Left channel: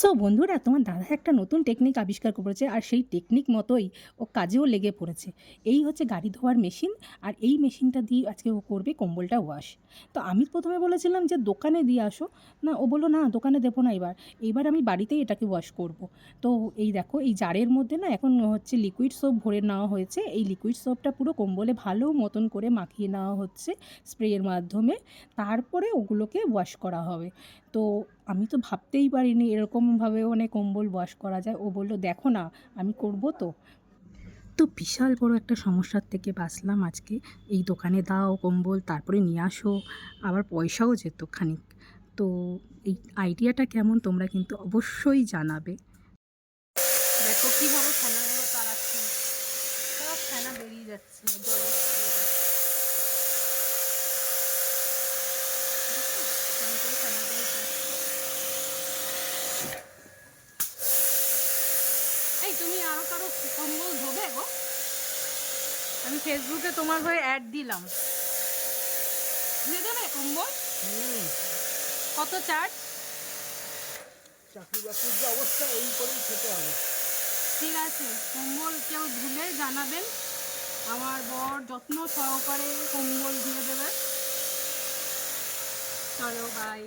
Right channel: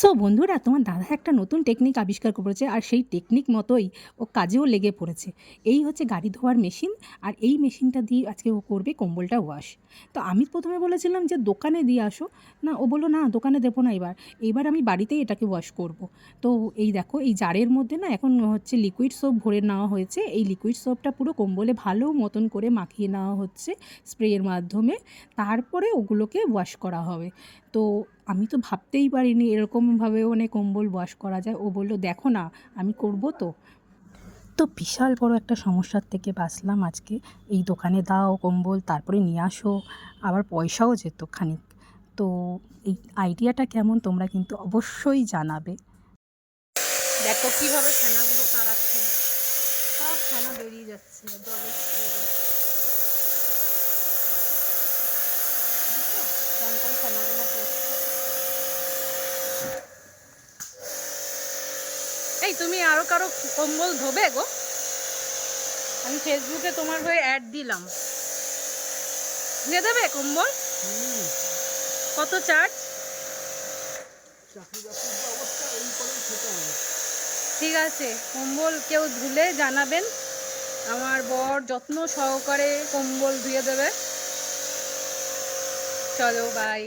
So বন্ধুরা, তোমার দাদা একটা নতুন টেকনিক আবিষ্কার করেছে, আর সেই টেকনিক মতোই ও কাজেও লেগে পড়েছে। এই হচ্ছে গাড়ি ধোয়ার মেশিন, আর এই মেশিনটা দিয়ে আজকে ও করবে কম্বলটা ওয়াশ। তো আমি প্রথমে বলেছিলাম যে দোকানে দিয়ে আসো, না ও বললো না দোকানে দেবো না, এইবার আমি বাড়িতেই এটাকে ওয়াশ করব। তো এই দেখো, এই জারের মধ্যে না এখন হচ্ছে লিকুইড সোপ ভরে নেওয়া হয়েছে। এই লিকুইড সোপটা পুরো কম্বলে ভালো মতন করে মাখিয়ে নেওয়া হচ্ছে স্প্রের মাধ্যমে, তারপরে ওগুলোকে ওয়াশ করা হবে। তো আমি তো ভাবতেই পারিনি এরকমভাবে মানে কম্বল ওয়াশ করা যায়। ও বলল দেখো না আমি করব। তো তো বিশাল বড় একটা সমস্যার থেকে বাঁচলাম আজকে। এই দোকানে দাও কম্বল, তারপরে নিয়ে আসো, আবার পয়সাও যেত খানিক। তো এই আইডিয়াটা কেমন তোমরা কিন্তু অবশ্যই জানাবে। দেখো কীভাবে ফেনাগুলো তাড়াচ্ছে, সব ফেনা বেরিয়ে যাচ্ছে জলের স্পিডে। দেখো কেমন করে ফেনাগুলো পড়ছে। এই তুমি আরও কারো কম্বল ধোবে গো? আমি ফেসবুকে তোমার হয়ে অ্যাড দিলাম, ধুয়ে দেবে কম্বল? কত চার্জ? ঠিক আছে, কম্বল কেউ ধুলে জানাবেন, আমার বর যত্ন সহকারে কম্বল ধুয়ে দেবে। চলো বাই।